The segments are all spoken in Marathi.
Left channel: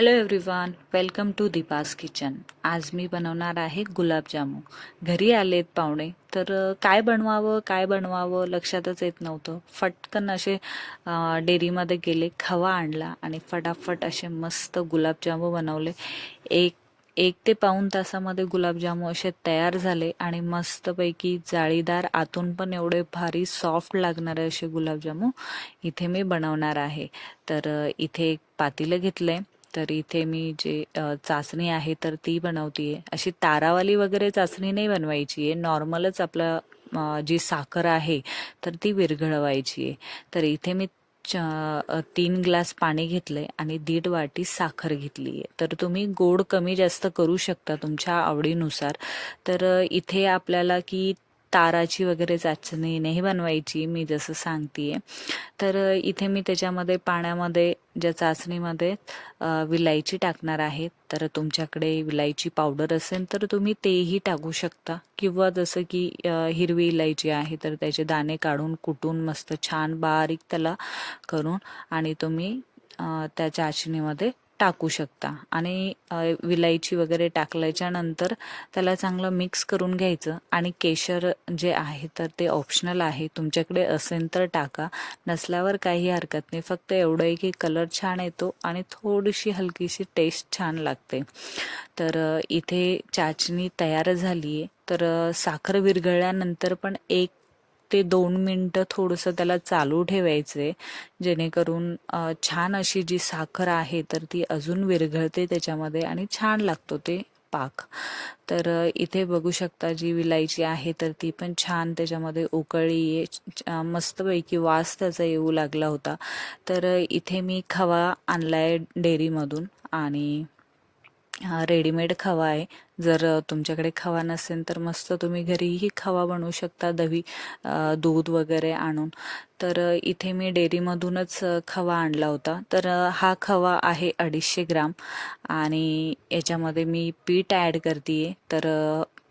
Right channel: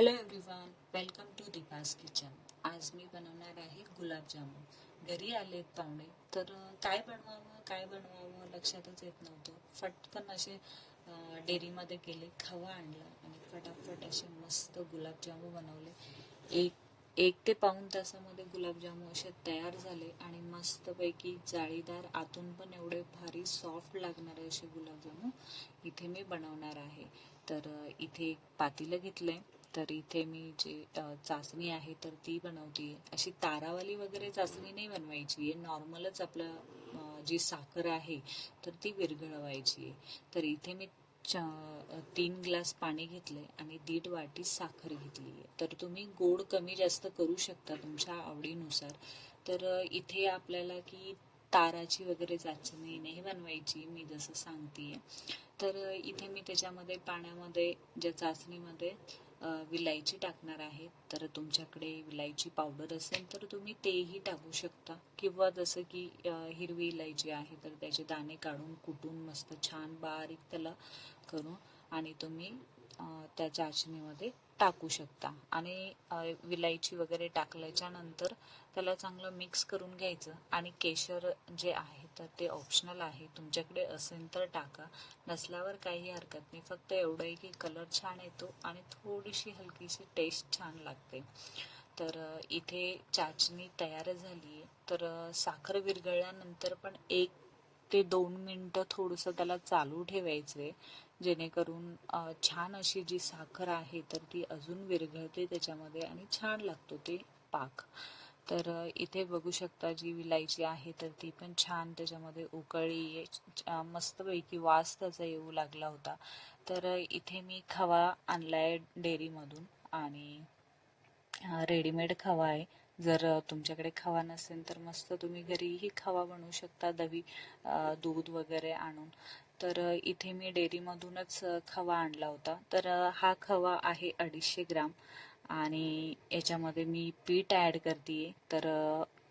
Hello everyone, welcome to Deepa's kitchen. आज मी बनवणार आहे गुलाबजामू. घरी आलेत पाहुणे तर काय बनवावं लक्षातच येत नव्हतं. फटकन असे डेअरीमध्ये गेले, खवा आणला आणि फटाफट असे मस्त गुलाबजामू बनवले. एक एक ते पाऊण तासामध्ये गुलाबजामू असे तयार झाले आणि मस्तपैकी जाळीदार, आतून पण एवढे भारी सॉफ्ट लागणारे असे गुलाबजामू इथे मी बनवणार आहे. तर इथे एक पातेलं घेतलंय. तर इथे मी जे चाचणी आहे तर ती बनवतीये. अशी तारावाली वगैरे चाचणी नाही बनवायची आहे, नॉर्मलच आपलं जी साखर आहे तर ती विरघळवायची आहे. तर इथे मी 3 ग्लास पाणी घेतलंय आणि 1.5 वाटी साखर घेतली आहे. तर तुम्ही गोड कमी जास्त करू शकता तुमच्या आवडीनुसार. तर इथे आपल्याला की ताराची वगैरे चाचणी नाही बनवायची, मी जसं सांगतेय. तर इथे मी त्याच्यामध्ये पाण्यामध्ये ज्या चाचणीमध्ये विलायची टाकणार आहे. तर तुमच्याकडे विलायची पावडर असेल तर तुम्ही तेही टाकू शकता, किंवा जसं की हिरवी इलायची आहे तर त्याचे दाणे काढून कुटून मस्त छान बारीक त्याला करून आणि तुम्ही त्या चाचणीमध्ये टाकू शकता. आणि विलायची वगैरे टाकल्याच्या नंतर त्याला चांगलं मिक्स करून घ्यायचं. आणि केशर जे आहे तर ते ऑप्शनल आहे, तुमच्याकडे असेल तर टाका, नसल्यावर काही हरकत नाही. फक्त एवढं आहे की कलर छान येतो आणि थोडीशी हलकीशी टेस्ट छान लागते. तर इथे चाचणी तयार झाली आहे. तर साखर विरघळल्यानंतर पण 1 ते 2 मिनटं थोडंसं त्याला चालू ठेवायचे, जेणेकरून छान अशी जी साखर आहे तर ती अजून विरघळते त्याच्यामध्ये आणि छान लागतो ते पाक. तर इथे बघू शकता जी विलायची आहे तर ती पण छान त्याच्यामध्ये उकळी मस्तपैकी वास त्याचा येऊ लागला होता. तर इथे मी खवा आणलाय डेअरीमधून आणि रेडीमेड खवा आहे. जर तुमच्याकडे खवा नसेल तर मस्त तुम्ही घरीही खवा बनवू शकता, दूध वगैरे आणून. तर इथे मी डेअरीमधूनच खवा आणला होता. तर हा खवा आहे 250 ग्राम आणि याच्यामध्ये मी पीठ ॲड करते. तर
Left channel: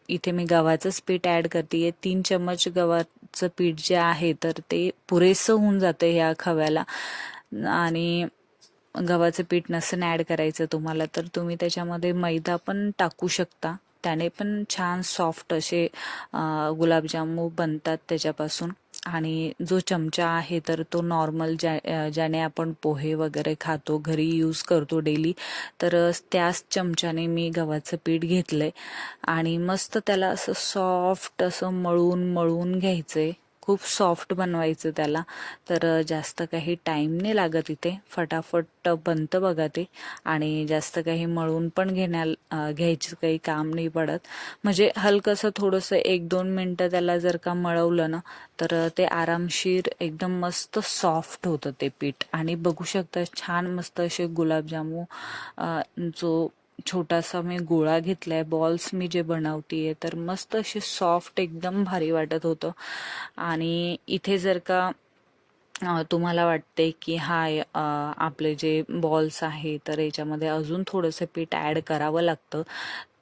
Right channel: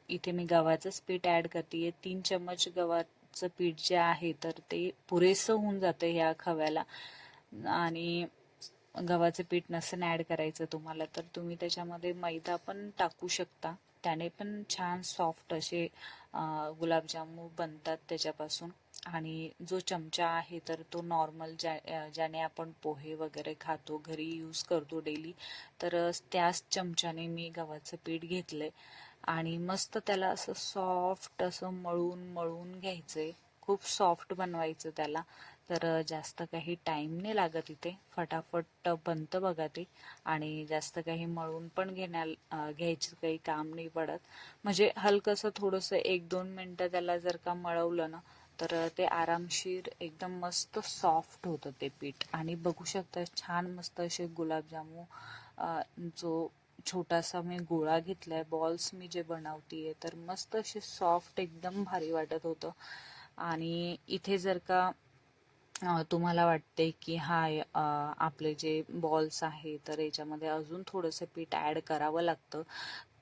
इथे मी गव्हाचंच पीठ ॲड करते. 3 चम्मच गव्हाचं पीठ जे आहे तर ते पुरेसं होऊन जातं ह्या खव्याला. आणि गव्हाचं पीठ नसेल ॲड करायचं तुम्हाला तर तुम्ही त्याच्यामध्ये मैदा पण टाकू शकता, त्याने पण छान सॉफ्ट असे गुलाबजामू बनतात त्याच्यापासून. आणि जो चमचा आहे तर तो नॉर्मल ज्याने आपण पोहे वगैरे खातो, घरी यूज करतो डेली, तर त्याच चमच्याने मी गव्हाचं पीठ घेतलंय आणि मस्त त्याला असं सॉफ्ट असं मळून मळून घ्यायचंय. खूप सॉफ्ट बनवायचं त्याला. तर जास्त काही टाईम नाही लागत, इथे फटाफट बनतं बघा ते. आणि जास्त काही मळून पण घ्यायचं काही काम नाही पडत. म्हणजे हलकंसं थोडंसं 1-2 मिनटं त्याला जर का मळवलं ना तर ते आरामशीर एकदम मस्त सॉफ्ट होतं ते पीठ. आणि बघू शकता छान मस्त असे गुलाबजामू, जो छोटासा मी गोळा घेतलाय, बॉल्स मी जे बनवतीये तर मस्त असे सॉफ्ट एकदम भारी वाटत होतं. आणि इथे जर का तुम्हाला वाटते की आपले जे बॉल्स आहे तर याच्यामध्ये अजून थोडंसं पीठ ॲड करावं लागतं,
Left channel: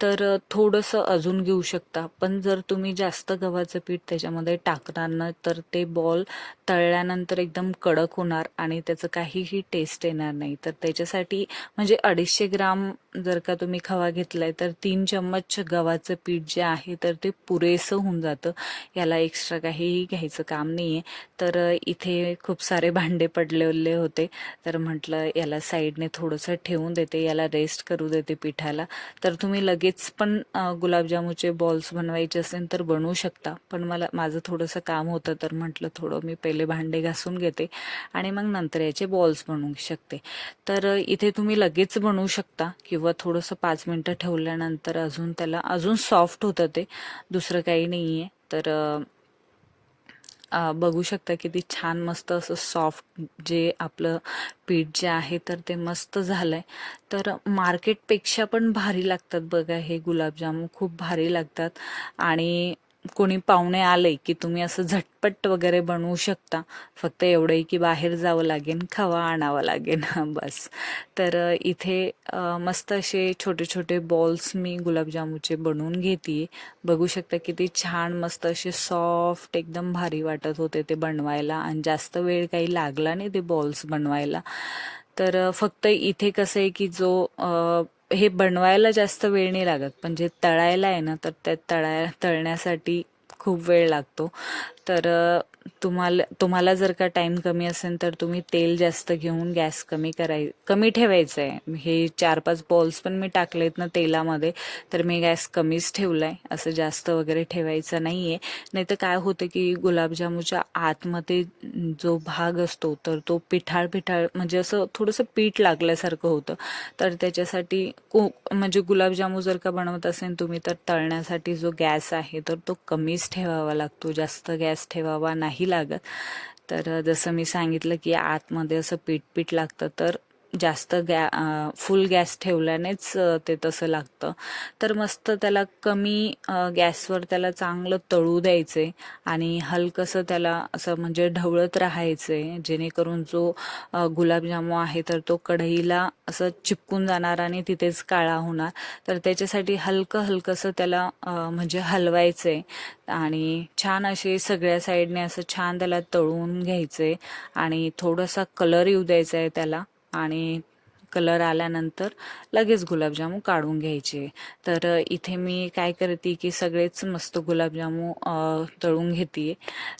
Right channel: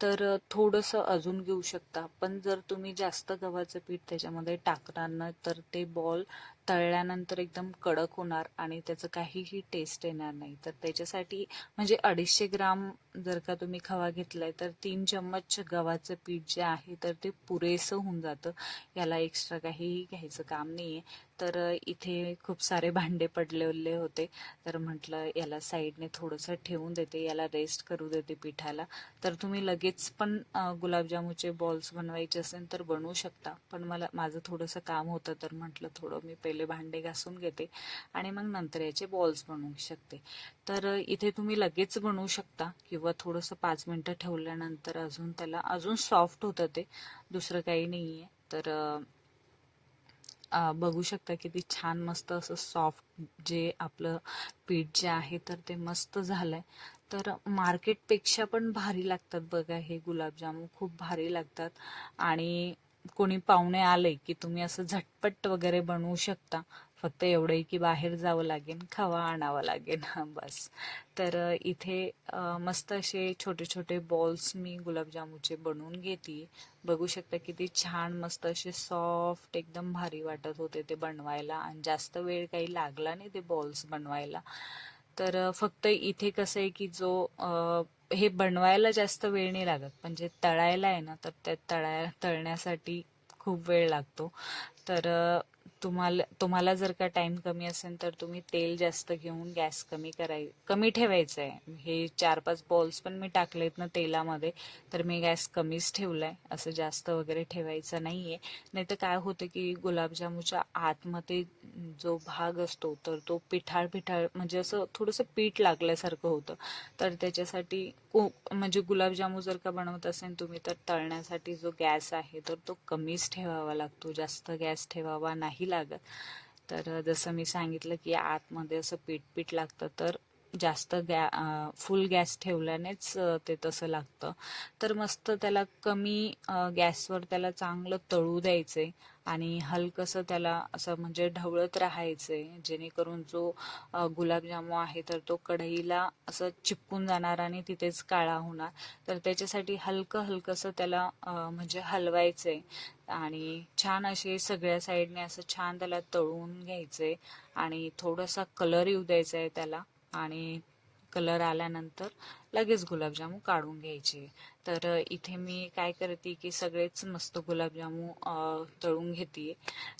तर थोडंसं अजून घेऊ शकता. पण जर तुम्ही जास्त गव्हाचं पीठ त्याच्यामध्ये टाकणार ना तर ते बॉल तळल्यानंतर एकदम कडक होणार आणि त्याचं काहीही टेस्ट येणार नाही. तर त्याच्यासाठी म्हणजे 250 ग्राम जर का तुम्ही खवा घेतलाय तर 3 चम्मच गव्हाचं पीठ जे आहे तर ते पुरेसं होऊन जातं. याला एक्स्ट्रा काहीही घ्यायचं काम नाहीये. तर इथे खूप सारे भांडे पडलेले होते, तर म्हटलं याला साईडने थोडंसं ठेवून देते, याला रेस्ट करू देते पिठाला. तर तुम्ही लगेच पण गुलाबजामुचे बॉल्स बनवायचे असेल तर बनवू शकता, पण माझं थोडंसं काम होतं तर म्हटलं थोडं मी पहिले भांडे घासून घेते आणि मग नंतर याचे बॉल्स बनवू शकते. तर इथे तुम्ही लगेच बनवू शकता किंवा थोडंसं 5 मिनटं ठेवल्यानंतर त्याला अजून सॉफ्ट होतं ते, दुसरं काही नाहीये. तर बघू शकता किती छान मस्त असं सॉफ्ट जे आपलं पीठ जे आहे तर ते मस्त झालंय. तर मार्केटपेक्षा पण भारी लागतात बघा हे गुलाबजामुन, खूप भारी लागतात. आणि कोणी पाहुणे आले की तुम्ही असं झटपट वगैरे बनवू शकता. फक्त एवढंही की बाहेर जावं लागेल, खवा आणावं लागेल बस. तर इथे मस्त असे छोटे छोटे बॉल्स मी गुलाबजामुनचे बनवून घेते. बघू शकता किती छान मस्त असे सॉफ्ट एकदम भारी वाटत होते ते बनवायला आणि जास्त वेळ काही लागला नाही ते बॉल्स बनवायला. तर फक्त इथे कसं आहे की हे बनवायला जास्त वेळ नाही लागत, पण जे तळायला आहे ना, तर त्या तळण्यासाठी खूप वेळ लागतो. तर तुम्हाला जर का टाइम कमी असेल तर तुम्ही तेल जास्त घेऊन गॅस कमी ठेवायचं आहे. हे 4-5 बॉल्स पण मी टाकलेत ना तेलामध्ये, तर मी गॅस कमीच ठेवलाय. असं जास्त वगैरे ठेवायचं नाहीये. नाही तर काय होतं की गुलाबजामुच्या आतमध्ये जो भाग असतो तर तो पिठाळ पिठाळ, म्हणजे असं थोडंसं पीठ लागल्यासारखं होतं. तर त्याच्यासाठी म्हणजे गुलाबजामू जर का बनवत असेल तुम्ही, तर तळण्यासाठी जो गॅस आहे तर तो कमीच ठेवावा लागतो, जास्त गॅस ठेवावा नाही लागत. तर जसं मी सांगितलं की आतमध्ये असं पीठ पीठ लागतं, तर जास्त फुल गॅस ठेवल्यानेच ते तसं लागतं. तर मस्त त्याला कमी गॅसवर त्याला चांगलं तळू द्यायचे आणि हलकंसं त्याला असं म्हणजे ढवळत राहायचे, जेणेकरून जो गुलाबजामू आहे तर तो कढईला असं चिपकून जाणार आणि तिथेच काळा होणार. तर त्याच्यासाठी हलकंसं त्याला म्हणजे हलवायचे आणि छान असे सगळ्या साईडने असं छान त्याला तळून घ्यायचे आणि थोडासा कलर येऊ द्यायचा आहे त्याला. आणि कलर आल्यानंतर लगेच गुलाबजामू काढून घ्यायचे. तर इथे मी काय करते की सगळेच मस्त गुलाबजामू तळून घेते.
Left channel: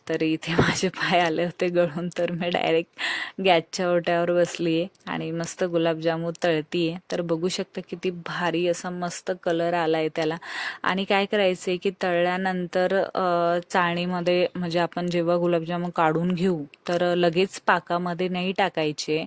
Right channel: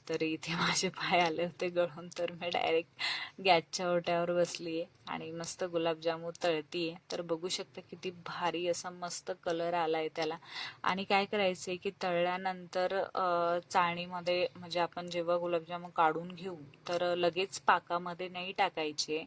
तर इथे माझे पाय आले होते गळून, तर मी डायरेक्ट गॅसच्या ओट्यावर बसली आहे आणि मस्त गुलाबजामू तळतीये. तर बघू शकता किती भारी असा मस्त कलर आलाय त्याला. आणि काय करायचंय की तळल्यानंतर चाळणीमध्ये, म्हणजे आपण जेव्हा गुलाबजामू काढून घेऊ तर लगेच पाकामध्ये नाही टाकायचे.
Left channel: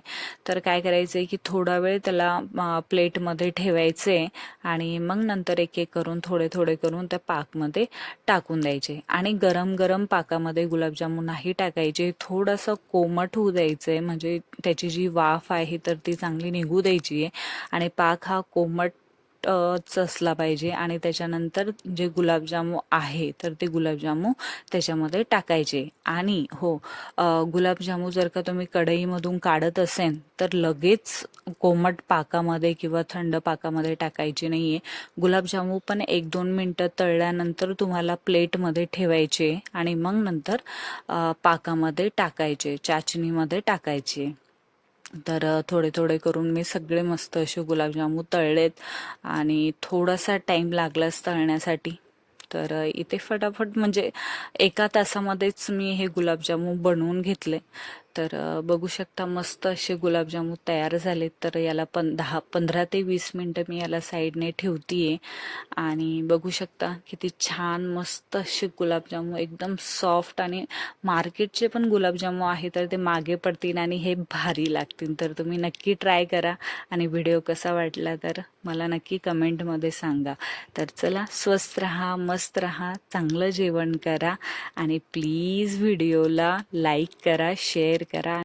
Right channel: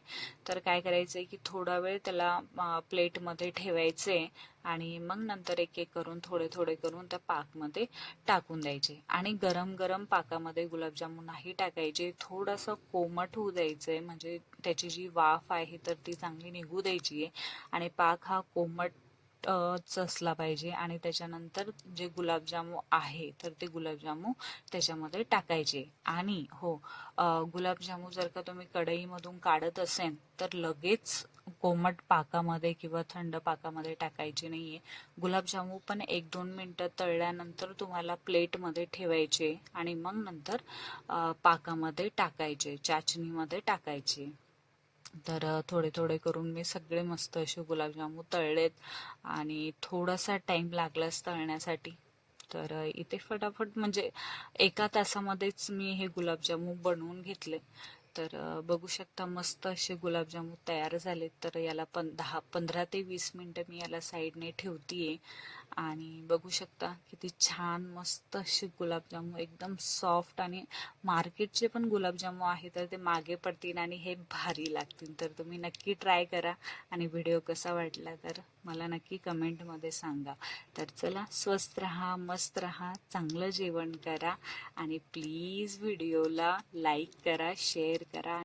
तर काय करायचंय की थोडा वेळ त्याला प्लेटमध्ये ठेवायचे आणि मग नंतर एक एक करून थोडे थोडे करून त्या पाकमध्ये टाकून द्यायचे. आणि गरम गरम पाकामध्ये गुलाबजामुन नाही टाकायचे, थोडंसं कोमट होऊ द्यायचंय, म्हणजे त्याची जी वाफ आहे तर ती चांगली निघू द्यायची आहे. आणि पाक हा कोमट असला पाहिजे. आणि त्याच्यानंतर जे गुलाबजामू आहे तर ते गुलाबजामू त्याच्यामध्ये टाकायचे. आणि हो, गुलाबजामू जर का तुम्ही कढईमधून काढत असेल तर लगेच कोमट पाकामध्ये किंवा थंड पाकामध्ये टाकायचे नाहीये. गुलाबजामू पण 1-2 मिनटं तळल्यानंतर तुम्हाला प्लेटमध्ये ठेवायचे आणि मग नंतर पाकामध्ये टाकायचे, चाचणीमध्ये टाकायचे. तर थोडे थोडे करून मी सगळे मस्त असे गुलाबजामू तळलेत आणि थोडासा टाइम लागलाच तळण्यासाठी. तर इथे फटाफट म्हणजे 1 तासामध्येच मी हे गुलाबजामू बनवून घेतले. तर बघू शकता मस्त असे गुलाबजामू तयार झालेत. तर याला 15 ते 20 मिनटं मी याला साईडने ठेवतीये. आणि बघू शकता किती छान मस्त असे गुलाबजामू, एकदम सॉफ्ट. आणि मार्केटचे पण गुलाबजामू आहे तर ते मागे पडतील आणि हे भारी लागतील. तर तुम्ही नक्की ट्राय करा आणि व्हिडिओ कसा वाटला तर मला नक्की कमेंटमध्ये सांगा. तर चला, स्वस्त राहा, मस्त राहा, चांगलं जेवण करा आणि प्लीज व्हिडिओला लाईक करा, शेअर करा.